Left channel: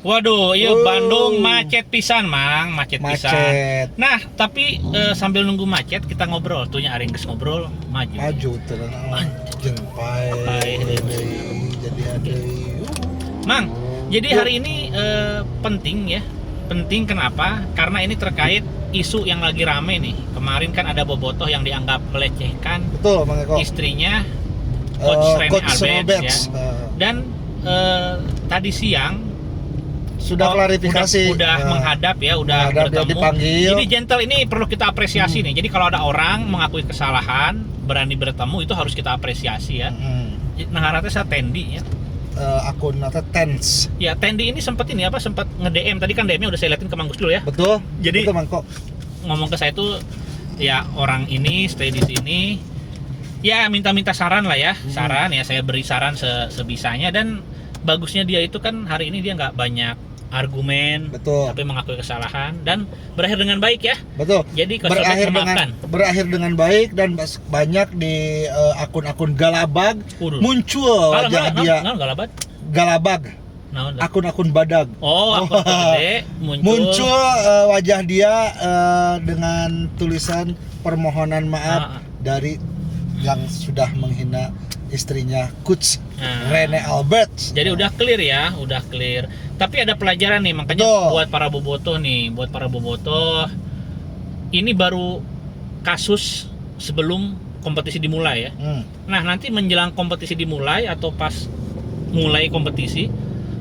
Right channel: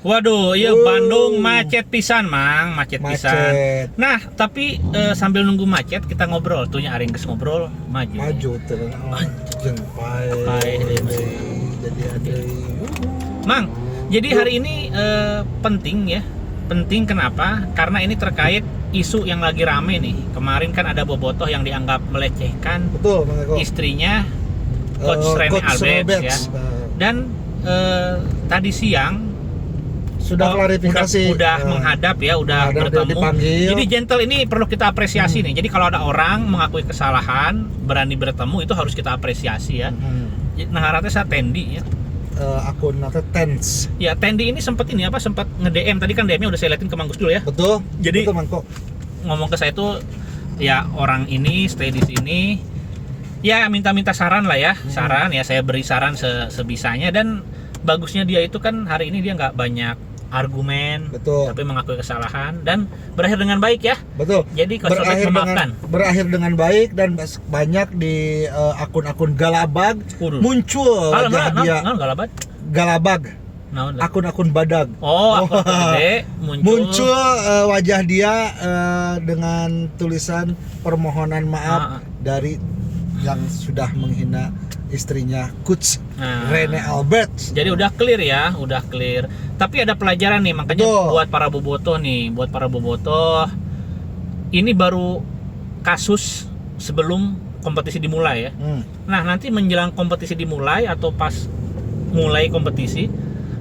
Waduh, iya Bandung macet pisan, Mang, macet pisan. Macet. Nah, tapi sambil nunggu macet kita ngobrol, tuhnya aring geus ngobrol maju. Maju tuh. Jeung pae. Jadi ada. Mang, jadi hari ini penting ya. Penting kenapa? Karena ini terkait isu yang lagi rame nih. Kemarin kan ada bobotoh yang dianggap melecehkan Betul, Mang Eko. istrinya Coach Rene Alberts ya. Dan tadi siang sudah klarifikasi. Udah menghadap ya, udah bertemu. Dipanggil. Jadi gentle ini perlu kita apresiasi nih. Jadi kalau ada orang mengakui kesalahan, berani bertemu itu harus kita apresiasi ya. Nah, harapnya saya Tendi ya. Akun atau Tense. Ya, Tendi ini sempat nge-DM. Tadi kan DM-nya udah saya liatin ke Mang Gus dulu ya. Betul. Jadi betul, Mangko. ngomong ke saya itu ya orang ini stay di sini. Ya minta saran lah ya. Saran ya, saya beri saran sebisanya. Dan bagusnya dia itu kan hari ini dia nggak banyak argumen, Betul. tapi mengakui kesalahan dan berakhir dengan baik ya. Betul. Jadi Coach Robert memaafkan. Berakhir dengan baik dan banyak di akun-akun Galabag muncul wajah dia. Galabag. Akun-akun badag. Oh, akun gede muncul wajah dia dengan tulisan permohonan maaf dari yang sudah menghina istrinya Coach Rene Alberts. Jadi udah clear ya, udah clear. Tapi ada pelajaran nih, makanya buat para bobotoh ini baru kasus sebelum kompetisi dimulai ya. Nah, nanti menjelang kompetisi dimulai atau pas mulai kompetisi,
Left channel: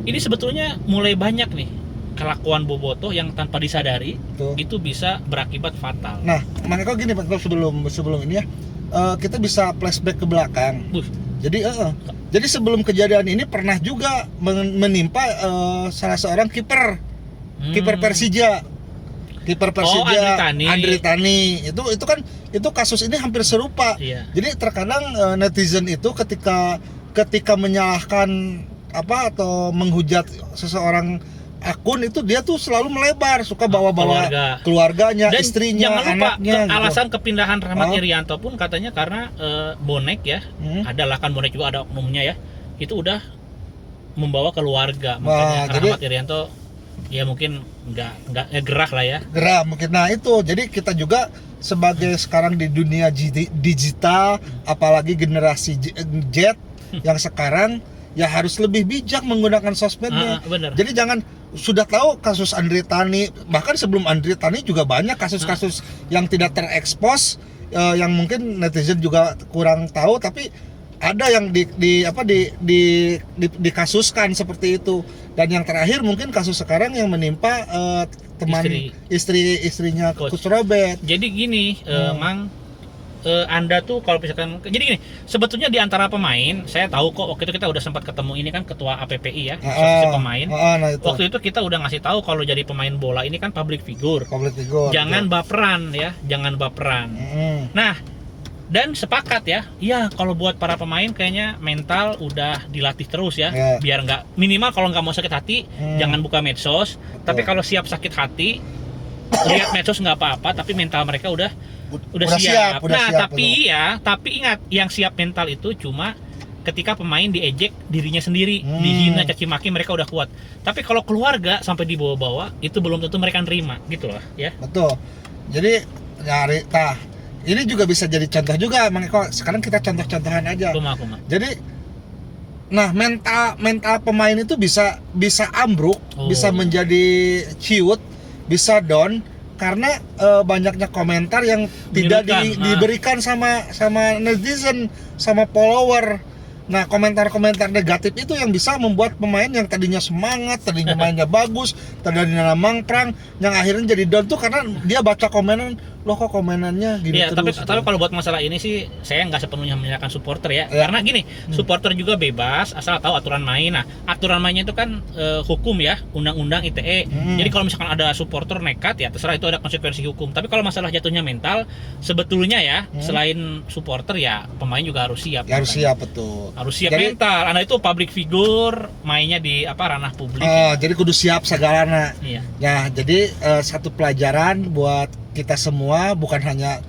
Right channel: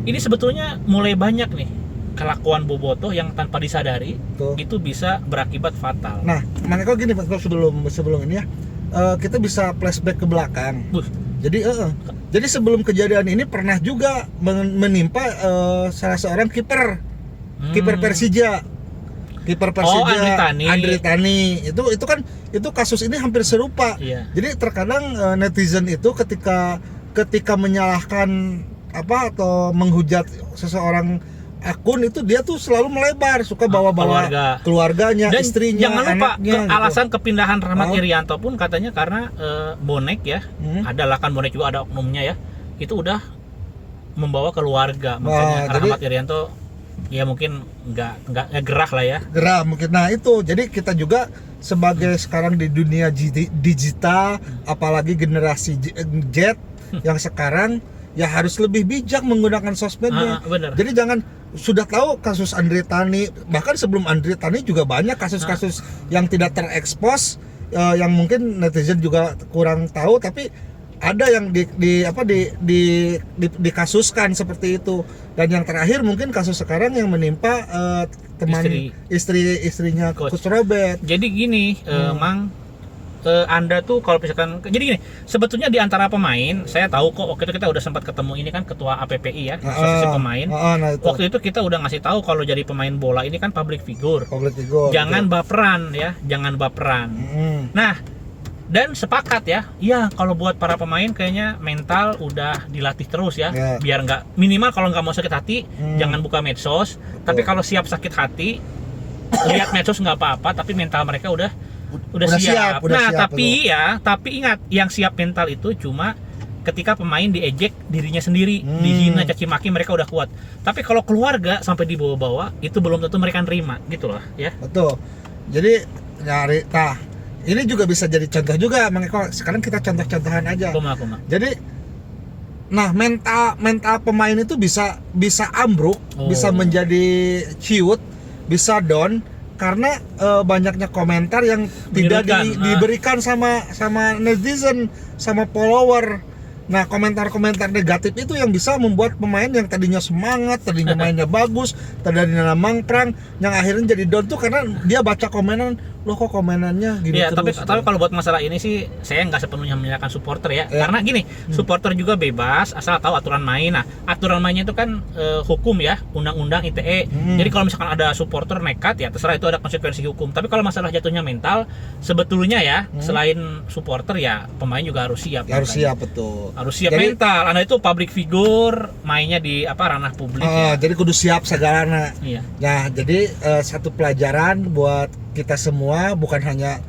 ini sebetulnya mulai banyak nih kelakuan bobotoh yang tanpa disadari itu bisa berakibat fatal. Nah, makanya gini Pak, sebelum ini ya. Kita bisa flashback ke belakang. Jadi sebelum kejadian ini pernah juga menimpa salah seorang kiper Persija. Kiper Persija Andri Tani. Itu kasus ini hampir serupa. Iya. Jadi terkadang netizen itu ketika menyalahkan atau menghujat seseorang akun itu dia tuh selalu melebar, suka bawa-bawa keluarganya, dan istrinya, jangan lupa anaknya. Alasan kepindahan Rahmat Irianto pun katanya karena bonek ya, adalah kan bonek juga ada oknumnya ya, itu udah membawa keluarga, makanya Rahmat Irianto ya mungkin nggak gerah lah ya. Gerah mungkin. Nah itu, jadi kita juga sebagai sekarang di dunia digital, apalagi generasi Z yang sekarang ya harus lebih bijak menggunakan sosmednya. Jadi jangan, sudah tahu kasus Andri Tani, bahkan sebelum Andri Tani juga banyak kasus-kasus yang tidak terekspos, yang mungkin netizen juga kurang tahu, tapi ada yang dikasuskan seperti itu. Dan yang terakhir mungkin kasus sekarang yang menimpa teman istrinya Coach Robert. Jadi gini, Mang, Anda tuh kalau misalkan, jadi gini, sebetulnya di antara pemain saya tahu kok, waktu itu kita udah sempat ketemu ini kan ketua APPI ya, asosiasi pemain. Nah itu. Waktu itu kita udah ngasih tahu kalau jadi pemain bola ini kan public figure. Jangan baperan ya, jangan baperan. Nah, dan sepakat ya, kalau buat para pemain kayaknya mental udah dilatih terus ya, biar nggak, minimal kalau nggak mau sakit hati jangan buka medsos. Tapi kalau siap sakit hati, lihat medsos nggak apa-apa, tapi mental mereka udah siap. Tapi ingat, yang siap mental itu cuma ketika pemain diejek dirinya sendiri, dihina, caci maki, mereka udah kuat. Tapi kalau keluarga sampai dibawa-bawa, itu belum tentu mereka nerima, gitu loh ya. Betul. Jadi ini juga bisa jadi contoh juga, sekarang kita contoh-contohan aja. Jadi mental pemain itu bisa ambruk, bisa menjadi ciut, bisa down karena banyaknya komentar yang tidak diberikan sama netizen, sama follower. Nah, komentar-komentar negatif itu yang bisa membuat pemain yang tadinya semangat, tadinya mainnya bagus, tadinya mangprang, yang akhirnya jadi down tuh karena dia baca komenan, loh kok komenannya gini terus. Tapi kalau buat masalah ini sih saya nggak sepenuhnya menyalahkan supporter ya. Karena gini, supporter juga bebas asal tahu aturan main. Nah, aturan mainnya itu kan hukum ya, undang-undang ITE. Jadi kalau misalkan ada supporter nekat ya terserah, itu ada konsekuensi hukum. Tapi kalau masalah jatuhnya mental, sebetulnya ya selain supporter ya pemain juga harus siap. Harus siap, betul. Harus siap mental. Anda itu public figure, mainnya di ranah publik. Jadi kudu siap segalana. Iya. Nah, jadi satu pelajaran buat kita semua, bukan hanya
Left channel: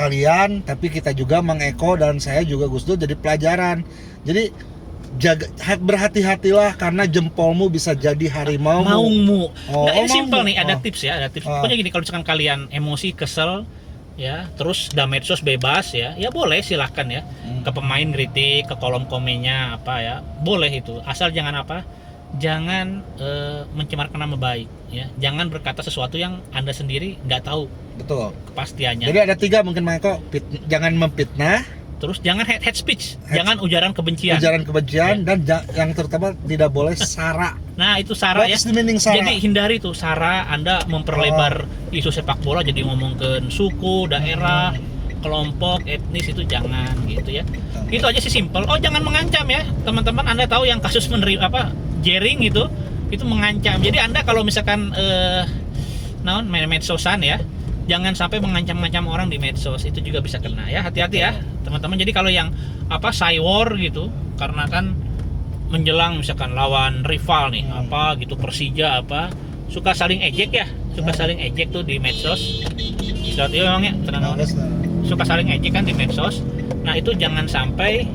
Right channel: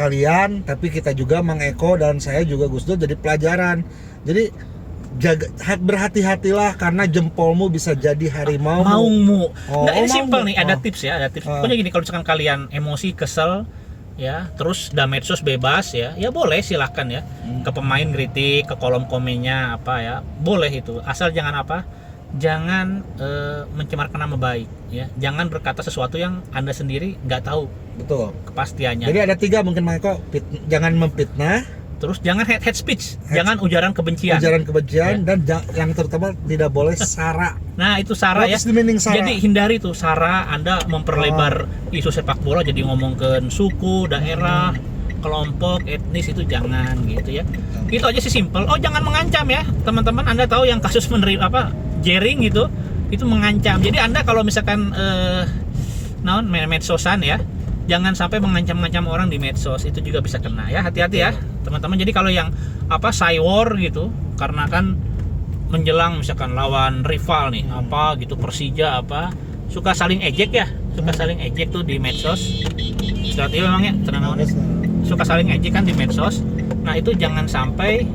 kalian, tapi kita juga Mang Eko dan saya juga Gus Dur, jadi pelajaran. Jadi berhati-hatilah karena jempolmu bisa jadi harimau. Maungmu. Oh, Nggak, ini oh, simple maungmu. nih, ada tips ya, ada tips. Pokoknya gini, kalau misalkan kalian emosi, kesel, ya, terus udah medsos bebas ya, ya boleh silahkan ya, ke pemain kritik, ke kolom komennya apa ya, boleh itu. Asal jangan apa, jangan mencemarkan nama baik, ya. Jangan berkata sesuatu yang Anda sendiri nggak tahu Betul. kepastiannya. Jadi ada 3 mungkin Mako, jangan memfitnah, Terus jangan hate speech, jangan ujaran kebencian. ujaran kebencian, dan yang terutama tidak boleh sara. Nah, itu sara ya. What is the meaning sara? Jadi hindari tuh sara, Anda memperlebar isu sepak bola jadi ngomongin suku, daerah, kelompok, etnis, itu jangan gitu ya. Itu aja sih simple. Oh, jangan mengancam ya. Teman-teman, Anda tahu yang kasus menerima apa? Jaring gitu, itu mengancam. Jadi Anda kalau misalkan medsosan ya, jangan sampai mengancam-ngancam orang di medsos, itu juga bisa kena ya. Hati-hati ya teman-teman. Jadi kalau yang apa cywar gitu, karena kan menjelang misalkan lawan rival nih, apa gitu, Persija apa, suka saling ejek ya, suka saling ejek tuh di medsos. Saat itu memangnya suka saling ejek kan di medsos. Nah, itu jangan sampai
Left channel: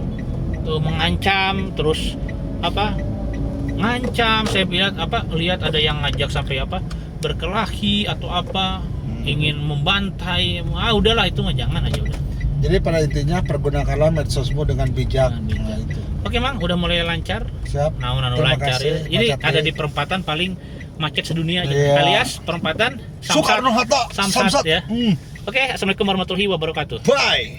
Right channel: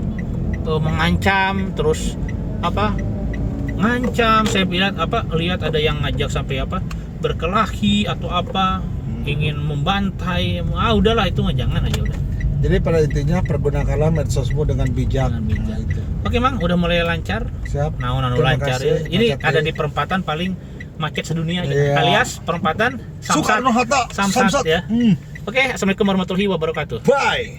mengancam, terus apa, ngancam. Saya lihat ada yang ngajak sampai apa, berkelahi atau apa, ingin membantai. Udahlah, itu mah jangan aja udah. Jadi pada intinya pergunakanlah medsosmu dengan bijak. Bijak. Nah, itu. Oke Mang, udah mulai lancar. Siap. Terima lancar kasih, ya. Ini Kak ada Cati. di perempatan paling macet sedunia aja. Iya. Alias perempatan Samsat. Soekarno-Hatta, Samsat ya. Oke, assalamualaikum warahmatullahi wabarakatuh. Bye.